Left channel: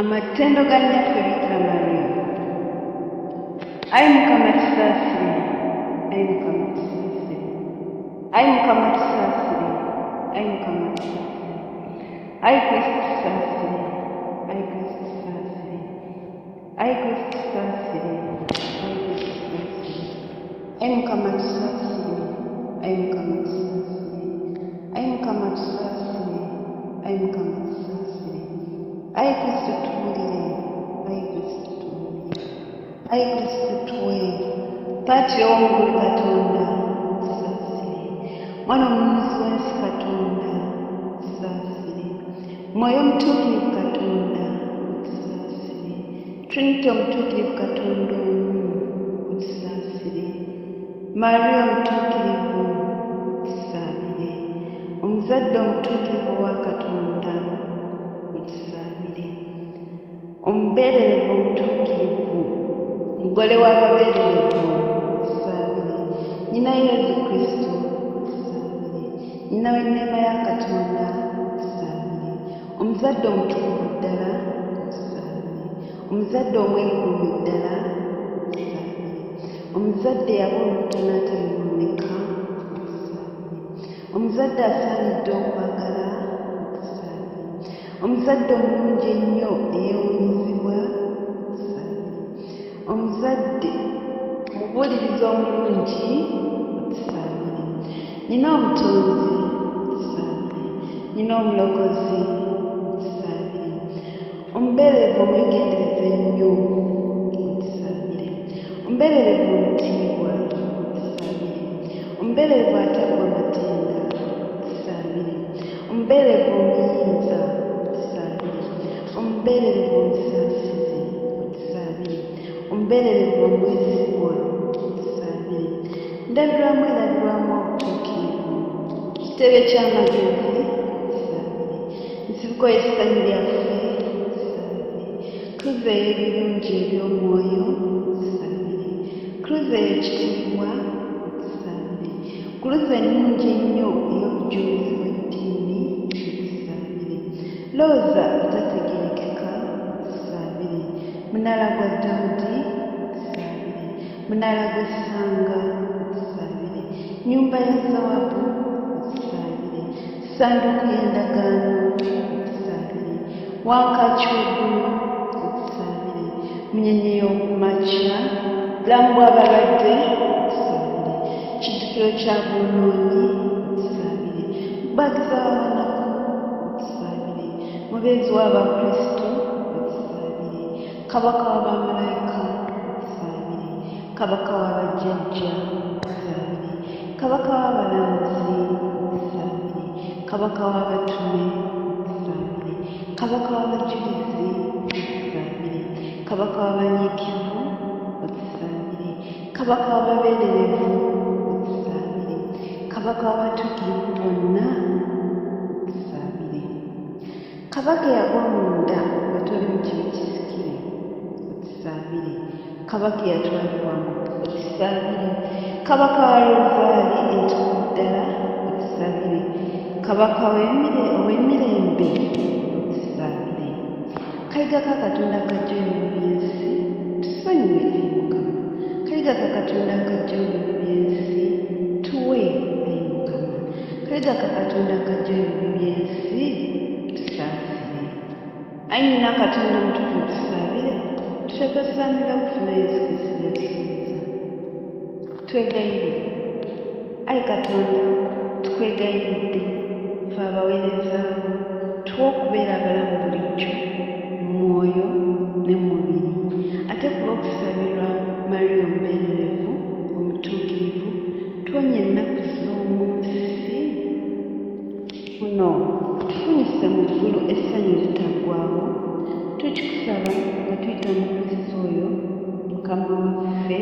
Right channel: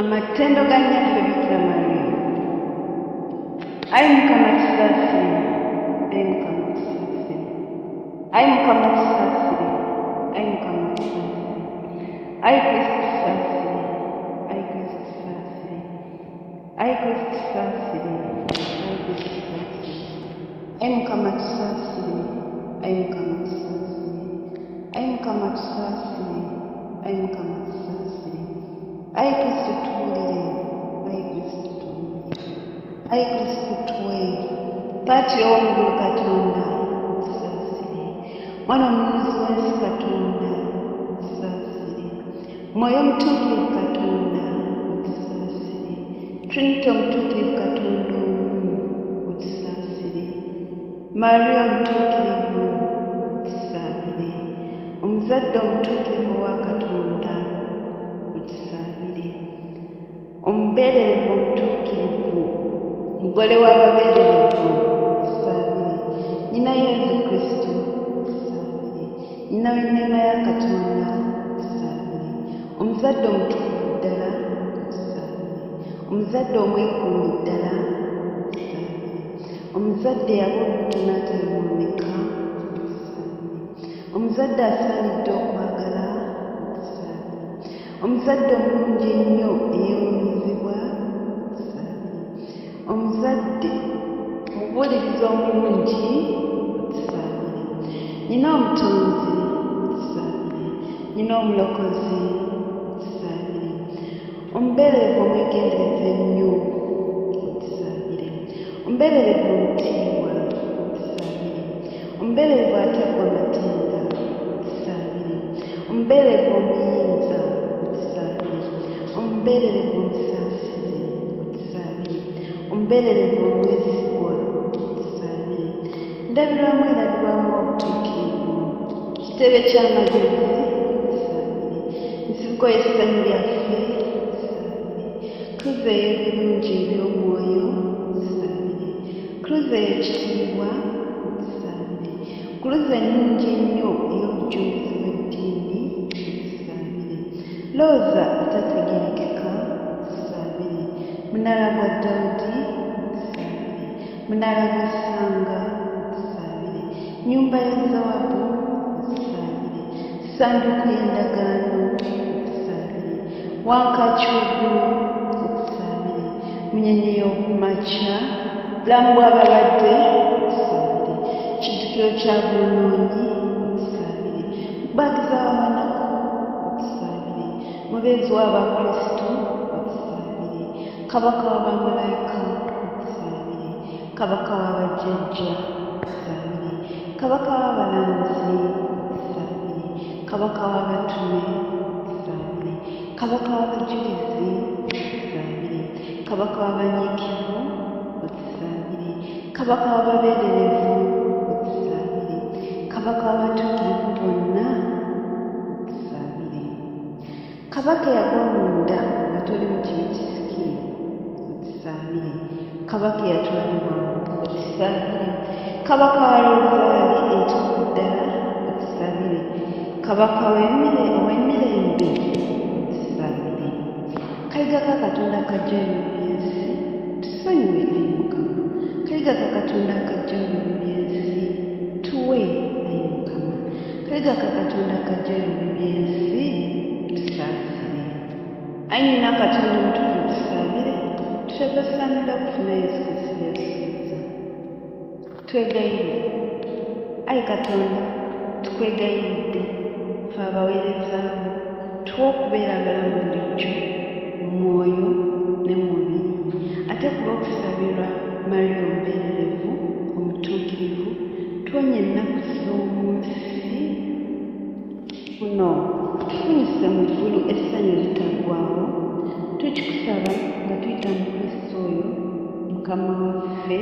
Amatendo ga nnyaffe Bikira Maria. Ayi Mukama tusaasire, ayi Mukama tusaasire, ayi Mukama tusaasire, ayi Mukama tusaasire, ayi Kristo tusaasire, ayi Kristo tusaasire, ayi Kristo tusaasire, ayi Kristo tusaasire, ayi Mukama tusaasire, ayi Mukama tusaasire, ayi Mukama tusaasire, ayi Mukama tusaasire, ayi Kristo tuwulire, ayi Kristo tuwulire, ayi Kristo tuwe, Paatiro w'omu Katonda tusaasire, Mwana omununuzi w'ensi Katonda tusaasire, Mwoyo omutuukirivu Katonda otusaasire, Trinity omutuukirivu Katonda omu otusaasire, Maria omutuukirivu otusaabire, omuzadde omutuukirivu wa Katonda otusaabire, omubeererivu omutuukirivu, mugole w'ababeererivu otusaabire, Nnyina Yezu Kristo otusaabire, Nnyina w'enneema ya Katonda otusaabire, omuzadde omutukuvu ddala otusaabire, omuzadde omwekuumi ddala otusaabire, omuzadde yaba olubuto n'atayonooneka otusaabire, omuzadde asaanidde okwagala otusaabire, omuzadde omulungi ennyo eyeewuunyizibwa otusaabire, omuzadde omubuulirizi omulungi otusaabire, Nnyina omutonzi otusaabire, Nnyina omulokozi otusaabire, omubeererivu omwegendereza ennyo otusaabire, omubeererivu omutiibwa otusaabire, omubeererivu ataggwa matenda otusaabire, omubeererivu omuyinza otusaabire, omubeererivu omusaasizi otusaabire, omubeererivu omwesigwa otusaabire, ndabirwamu erabirwamu obutuukirivu, kitebe ky'amagezi otusaabire, nsibuko y'essanyu lyaffe otusaabire, kruza ey'ebirungi eby'omwoyo otusaabire, kruza ey'ekitiibwa otusaabire, kruza ennungi ennyo ey'obujulizi bw'eddiini otusaabire, looza atategerekeka otusaabire, munaala gwa Dawudi otusaabire, munaala gw'essanga otusaabire, nnyumba ya Zawabu otusaabire, ssanduuku y'endagaano otusaabire, wankaaki w'eggulu otusaabire, munyenye y'okumakya, bulamu bw'abalwadde otusaabire, kiddukiro kya bwonoonyi otusaabire, mukubaagiza w'abanaku otusaabire, mubeezi w'Abakristo otusaabire, kabaka w'abamalayika otusaabire, kabaka w'abajjajja otusaabire, kabaka w'abalanzi otusaabire, kabaka w'abatume otusaabire, kabaka w'abajulizi otusaabire, kabaka w'abanyiikivu otusaabire, kabaka w'ababeererivu otusaabire, kabaka w'abatuukirivu bonna otusaabire, kabaka eyagwa munda nga toli mu kibi kisikire otusaabire, kabaka eyatwalibwamu otusaabire, kabaka wa Rozaali entuufu ddala otusaabire, kabaka ow'emirembe otusaabire, kayiga ka Katonda akajja ebibi by'ensi tusonyiwe ayi Mukama, kayiga ka Katonda akajja ebibi by'ensi tuwe ayi Mukama, kayiga ka Katonda akajja ebibi by'ensi tusaasire, ayi Nnyina Katonda omutukuvu tusaabire, tutagasaanira kufuna Yesu Kristo byatusuubiza, twegayire ayi Katonda, tukwegayiridde ffe abaweerezaawo, tuwe okubeera abalamu bulijjo mu mwoyo ne mu mubiri, ate ku lw'okusabirwa Maria omubeererivu omutuukirivu, tuwonye ennaku z'omu nsi kuno, tufunyise mu ggulu essanyu litaggwaawo, tukikusaba nga tuyita mu Kristo oyo Mukama waffe.